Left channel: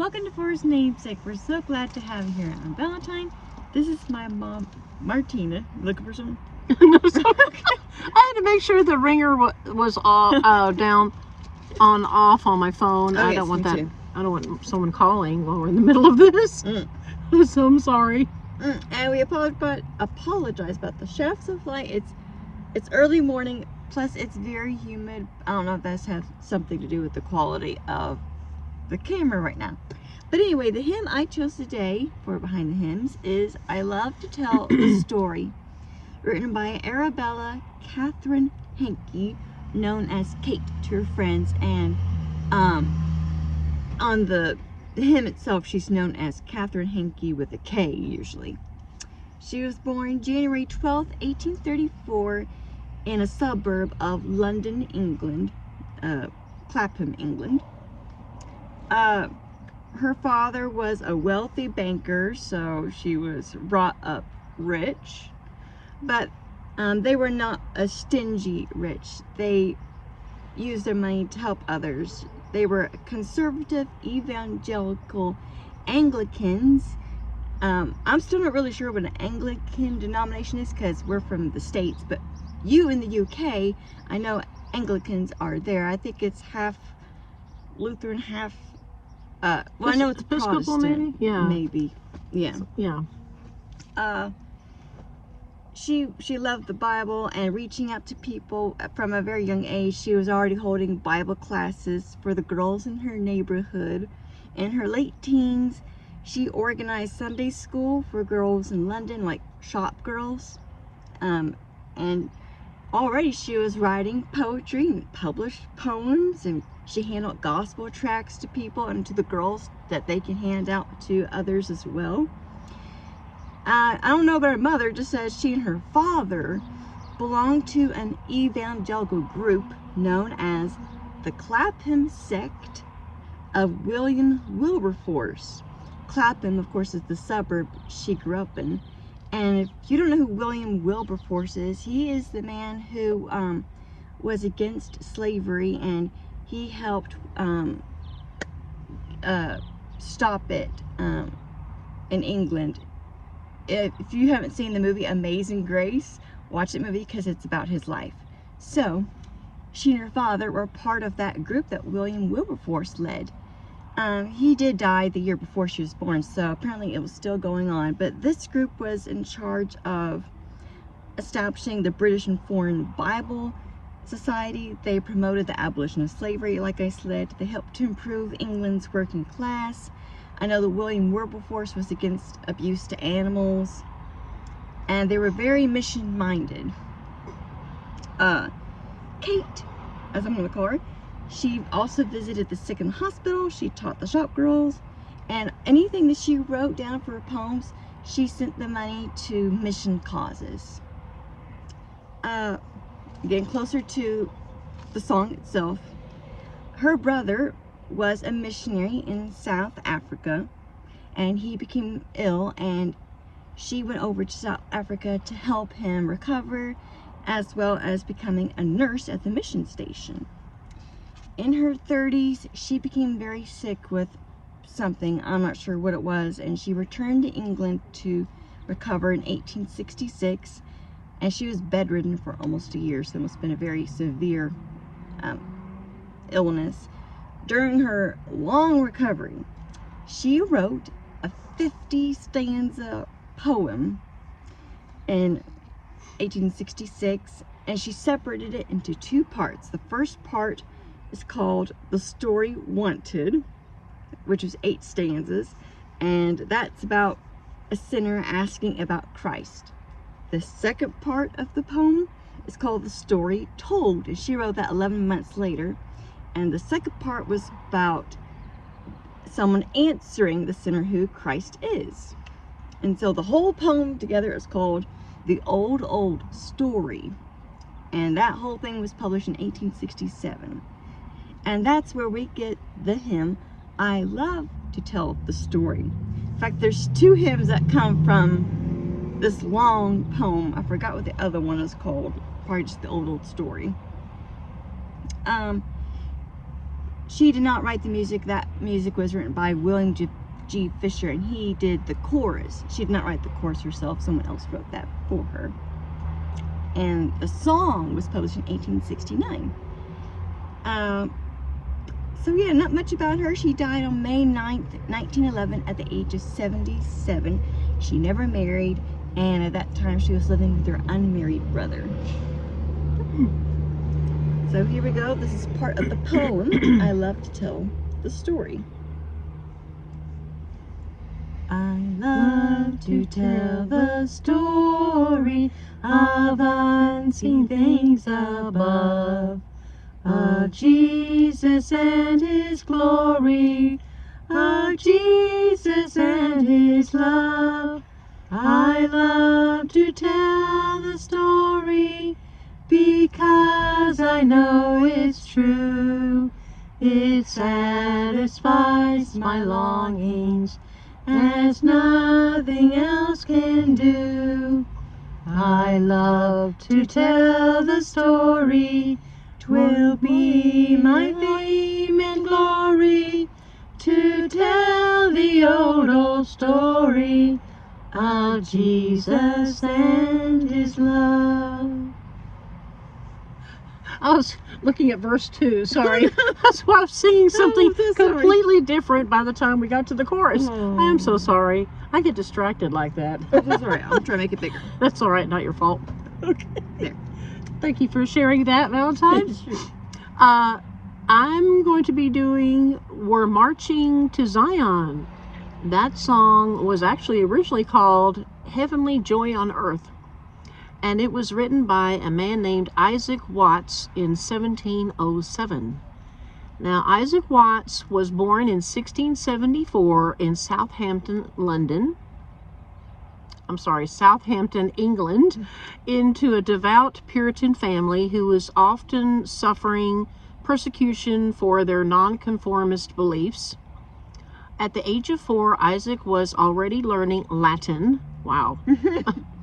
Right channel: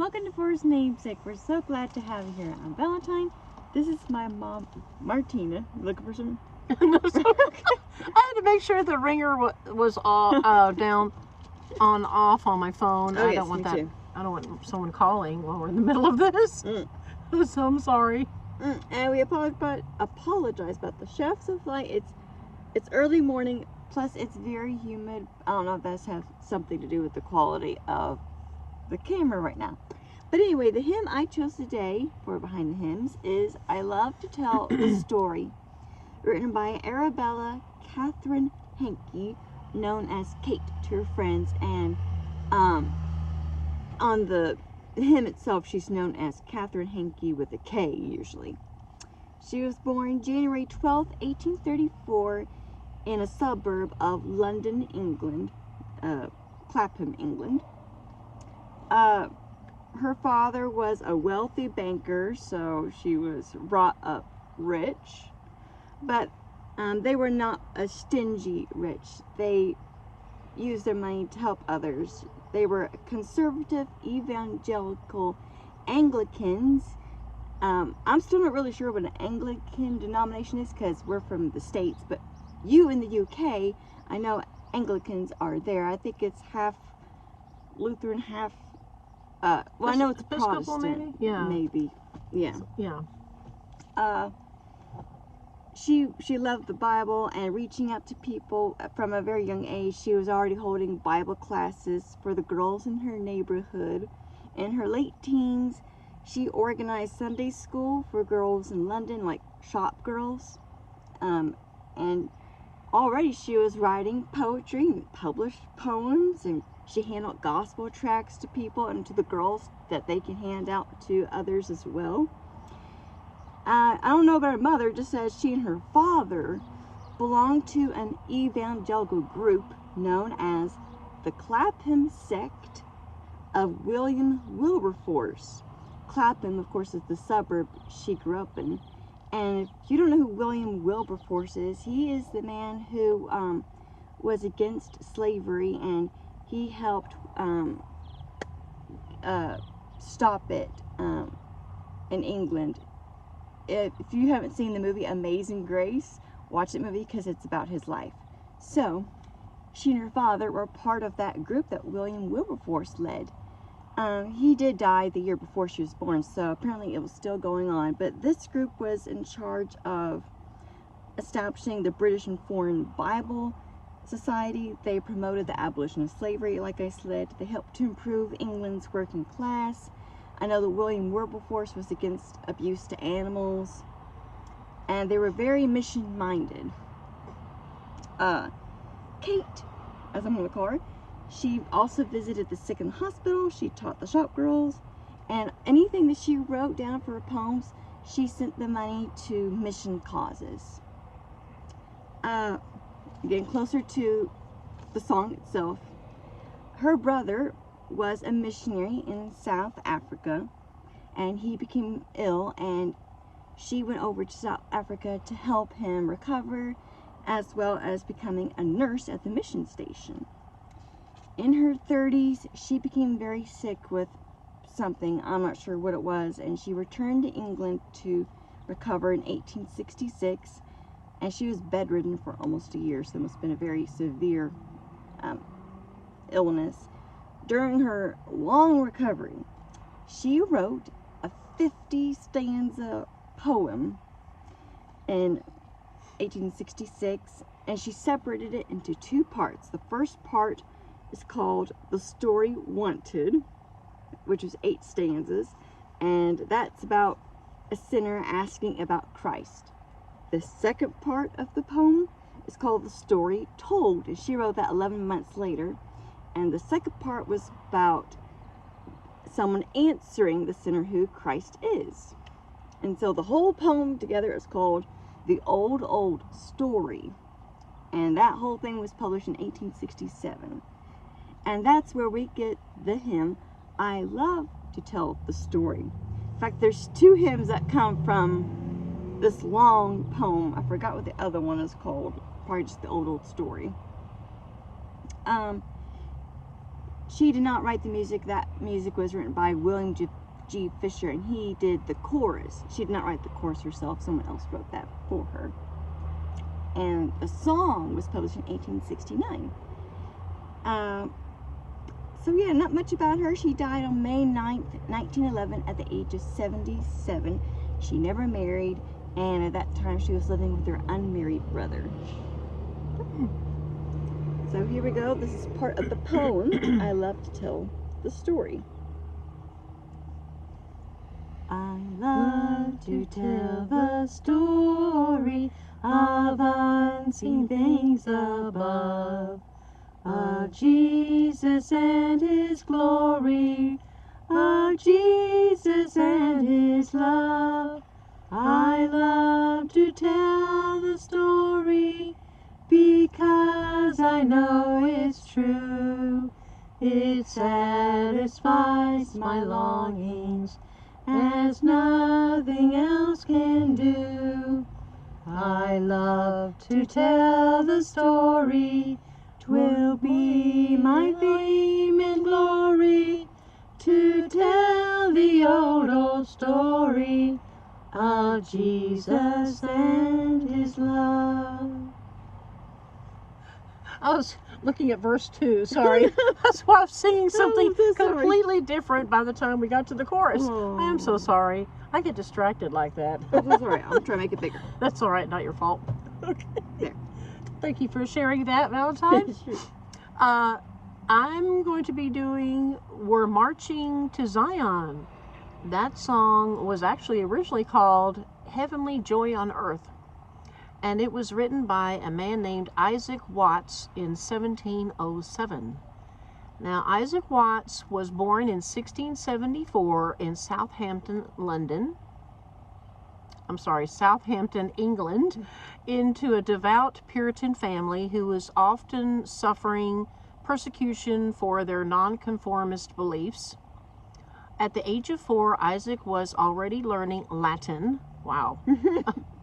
Welcome to Forest Namesake. We're so glad to have you here on Valentine. This is my mom, Martina. Looking for some? No, so, I had to make sure the ringer was off, down, off on my phone. Oh, I yes, don't want me that. too. I don't want someone calling while we're in the middle of this. So I'm sorry. And we apologize about the shafts of light. It's early morning, plus it's very humid. I don't know if that's has something to do with the quality of the camera right now. But anyway, the hymn I chose today for Behind the Hymns is I Love to Tell the Story, written by Arabella Catherine Hankey, known as Kate to her friends, and on the hymn itself she's known as Catherine Hankey with a K usually. She was born January 12, 1834 in a suburb of London, England, Clapham, England. Her father was a wealthy banker, so she was brought up rich, but they were not a stingy rich. They used their money to help others. They were conservative, evangelical Anglicans. I'm still not really sure what an Anglican denomination is because we're from the States, but you in the UK, I know Anglicans are there. I think it's half Lutheran, half well, I know it's Episcopal, Protestant, maybe? Yeah. maybe, yeah. Yeah. She loved the Bible and reaching out to people from a very young age. She was already holding Bible classes for the girls in her neighborhood. In her late teens, she organized Sunday school for girls in London, like shop girls. And already she was writing poetry and published poems, and she handed gospel tracts to people and to the girls that they can hand out to others as well. I don't know about her mother, just says she and her father belonged to an evangelical group known as the Clapham sect of William Wilberforce. Clapham, of course, is the suburb she grew up in. And if you don't know who William Wilberforce is, he is the man who was against slavery, and he helped stop it in England. If you haven't seen the movie Amazing Grace, watch that movie because it's about his life. So, she and her father were part of that group that William Wilberforce led. He did die the year before she was born, so apparently it was still going on. But this group was in charge of establishing the British and Foreign Bible Society. They promoted the abolition of slavery, like I said. They helped to improve England's working class. I know that William Wilberforce was against abuse to animals, and they were very mission-minded. Kate, as I'm going to call her, she also visited the sick in the hospital. She taught the shop girls, and anything that she wrote down for her poems, she sent the money to mission causes. Getting closer to the song itself, her brother was a missionary in South Africa, and he became ill, and she went over to South Africa to help him recover, as well as becoming a nurse at the mission station. In her 30s, she became very sick with something, I'm not sure what it was, and she returned to England to recover in 1866, and she was bedridden for almost a year, so it must have been a very severe illness. During her long recovery, she wrote a 50-stanza poem in 1866, and she separated it into two parts. The first part is called The Story Wanted, which is 8 stanzas, and that's about a sinner asking about Christ. The second part of the poem is called The Story Told, and she wrote that 11 months later. And the second part was about someone answering the sinner who Christ is. And so the whole poem together is called The Old, Old Story. And that whole thing was published in 1867. And that's where we get the hymn, I Love to Tell the Story. In fact, there's 2 hymns that come from this long poem. I forgot what the other one is called. Probably just The Old, Old Story. she did not write the music. That music was written by William G. Fisher, and he did the chorus. She did not write the chorus herself. Someone else wrote that for her. And the song was published in 1869. So yeah, not much about her. She died on May 9th, 1911 at the age of 77. She never married, and at that time she was living with her unmarried brother. So here we go. This is part of the poem. I love to tell the story. I love to tell the story of unseen things above, of Jesus and His glory, of Jesus and His love. I love to tell the story because I know it's true. It satisfies my longings as nothing else can do. I love to tell the story. 'Twill be my fame and glory to tell the old story of Jesus and His love. I was looking at verse 2, sorry. That's why I was singing something completely different by the time we got to the chorus. I am so sorry. I get distracted like that. That's alright, I'll try to make it bigger. That's alright, not your fault. Okay. There. Thank you for sharing that, Valentine. I'm going to be doing We're Marching to Zion. That song was actually originally called Heavenly Joy on Earth, and it was written by a man named Isaac Watts in 1707. Now, Isaac Watts was born in 1674 in Southampton, England, into a devout Puritan family who was often suffering persecution for their nonconformist beliefs. At the age of 4, Isaac was already learning Latin. Wow.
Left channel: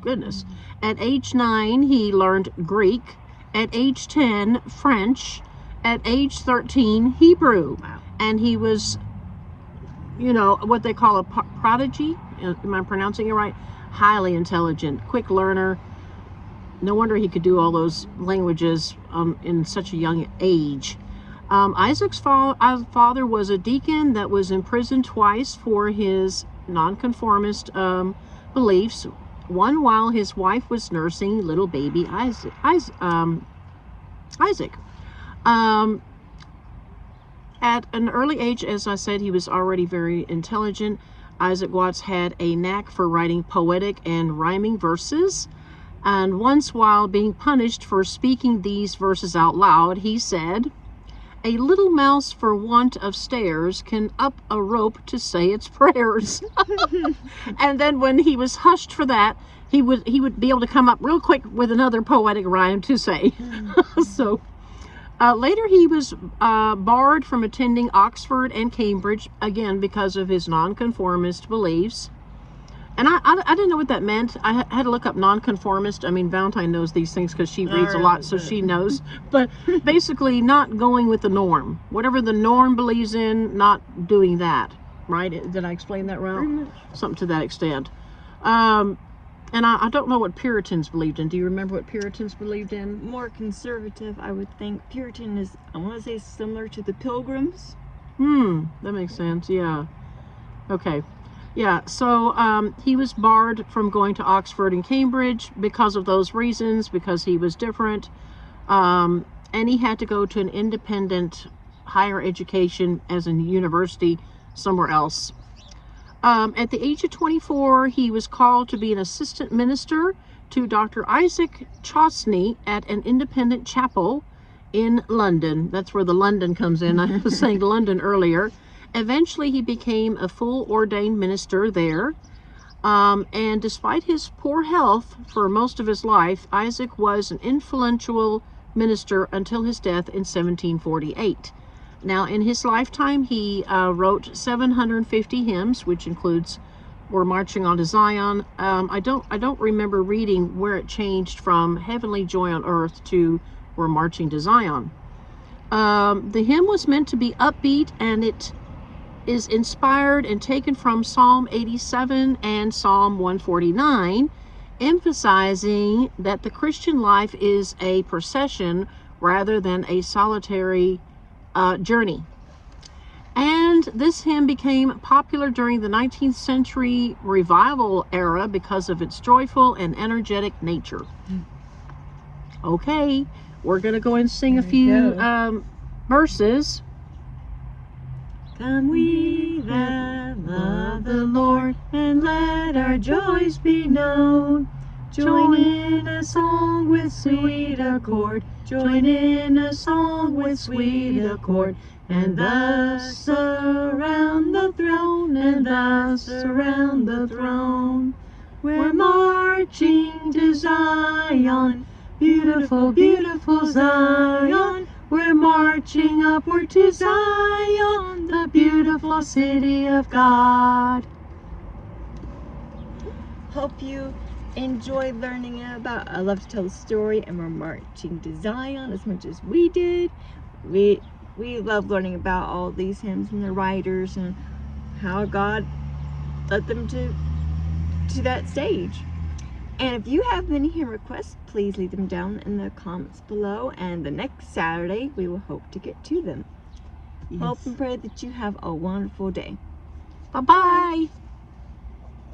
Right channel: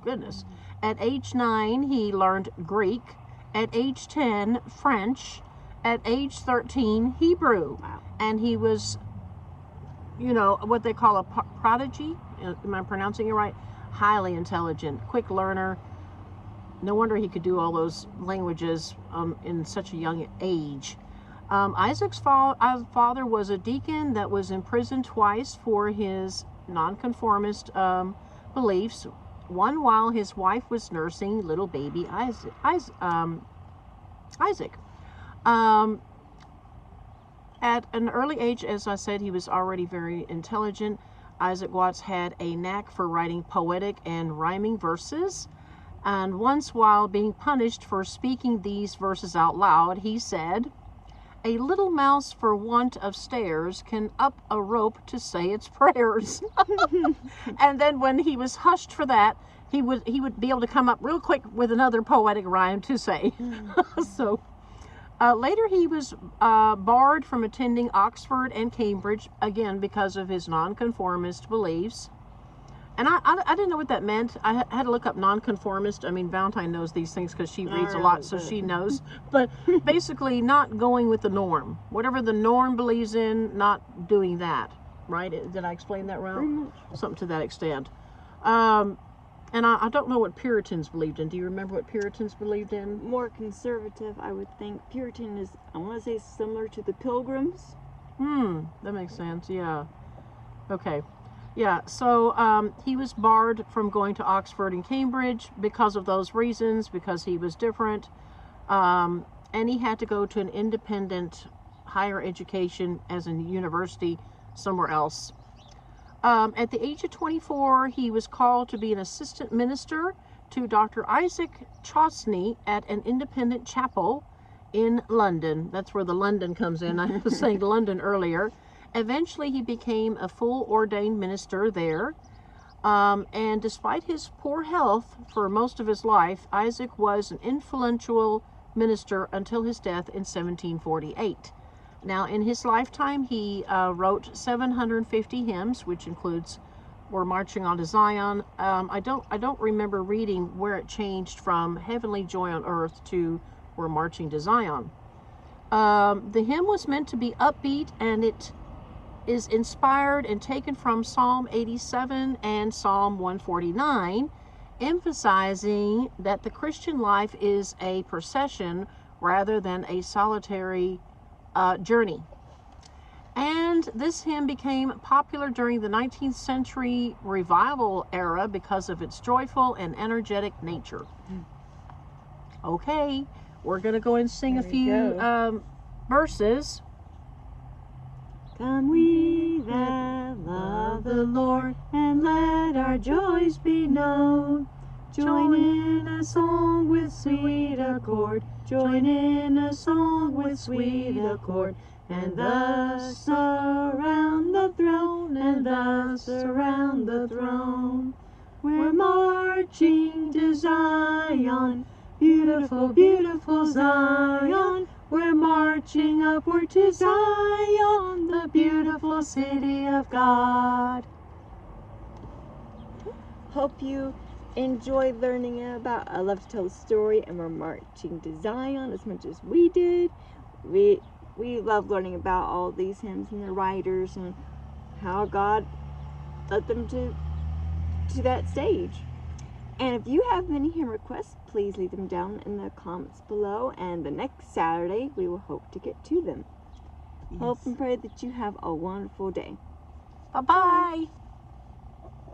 Goodness. At age 9, he learned Greek. At age 10, French. At age 13, Hebrew. Wow. And he was, what they call a prodigy. Am I pronouncing it right? Highly intelligent, quick learner. No wonder he could do all those languages in such a young age. Isaac's father was a deacon that was imprisoned twice for his nonconformist beliefs. One while his wife was nursing little baby Isaac. At an early age, as I said, he was already very intelligent. Isaac Watts had a knack for writing poetic and rhyming verses. And once, while being punished for speaking these verses out loud, he said, "A little mouse for want of stairs can up a rope to say its prayers." And then when he was hushed for that, he would be able to come up real quick with another poetic rhyme to say. So later he was barred from attending Oxford and Cambridge, again because of his nonconformist beliefs. And I didn't know what that meant. I had to look up nonconformist. I mean, Valentine knows these things because she reads a lot, so she knows. But basically not going with the norm. Whatever the norm believes in, not doing that. Right? Did I explain that wrong? Something to that extent. And I don't know what Puritans believed in. Do you remember what Puritans believed in? More conservative, I would think. Puritan is, I want to say, similar to the Pilgrims. That makes sense. Yeah. Okay. Yeah, so he was barred from going to Oxford and Cambridge because of those reasons, because he was different. And he had to go to an independent higher education as a university somewhere else. At the age of 24, he was called to be an assistant minister to Dr. Isaac Chauncey at an independent chapel in London. That's where the London comes in. I was saying London earlier. Eventually, he became a full ordained minister there. And despite his poor health for most of his life, Isaac was an influential minister until his death in 1748. Now, in his lifetime, he wrote 750 hymns, which includes "We're Marching on to Zion." I don't remember reading where it changed from "Heavenly Joy on Earth" to "We're Marching to Zion." The hymn was meant to be upbeat, and it is inspired and taken from Psalm 87 and Psalm 149, emphasizing that the Christian life is a procession rather than a solitary journey. And this hymn became popular during the 19th century revival era because of its joyful and energetic nature. Okay, we're going to go and sing a few verses. Come we that love the Lord, and let our joys be known. Join in a song with sweet accord, join in a song with sweet accord, and thus around the throne, and thus around the throne. We're marching to Zion, beautiful, beautiful Zion. We're marching upward to Zion, the beautiful city of God. Hope you enjoyed learning about I Love to Tell the Story, and we're marching to Zion as much as we did. We love learning about all these hymns and the writers and how God led them to that stage. And if you have any hymn requests, please leave them down in the comments below, and the next Saturday we will hope to get to them. Yes. Hope and pray that you have a wonderful day. Bye-bye.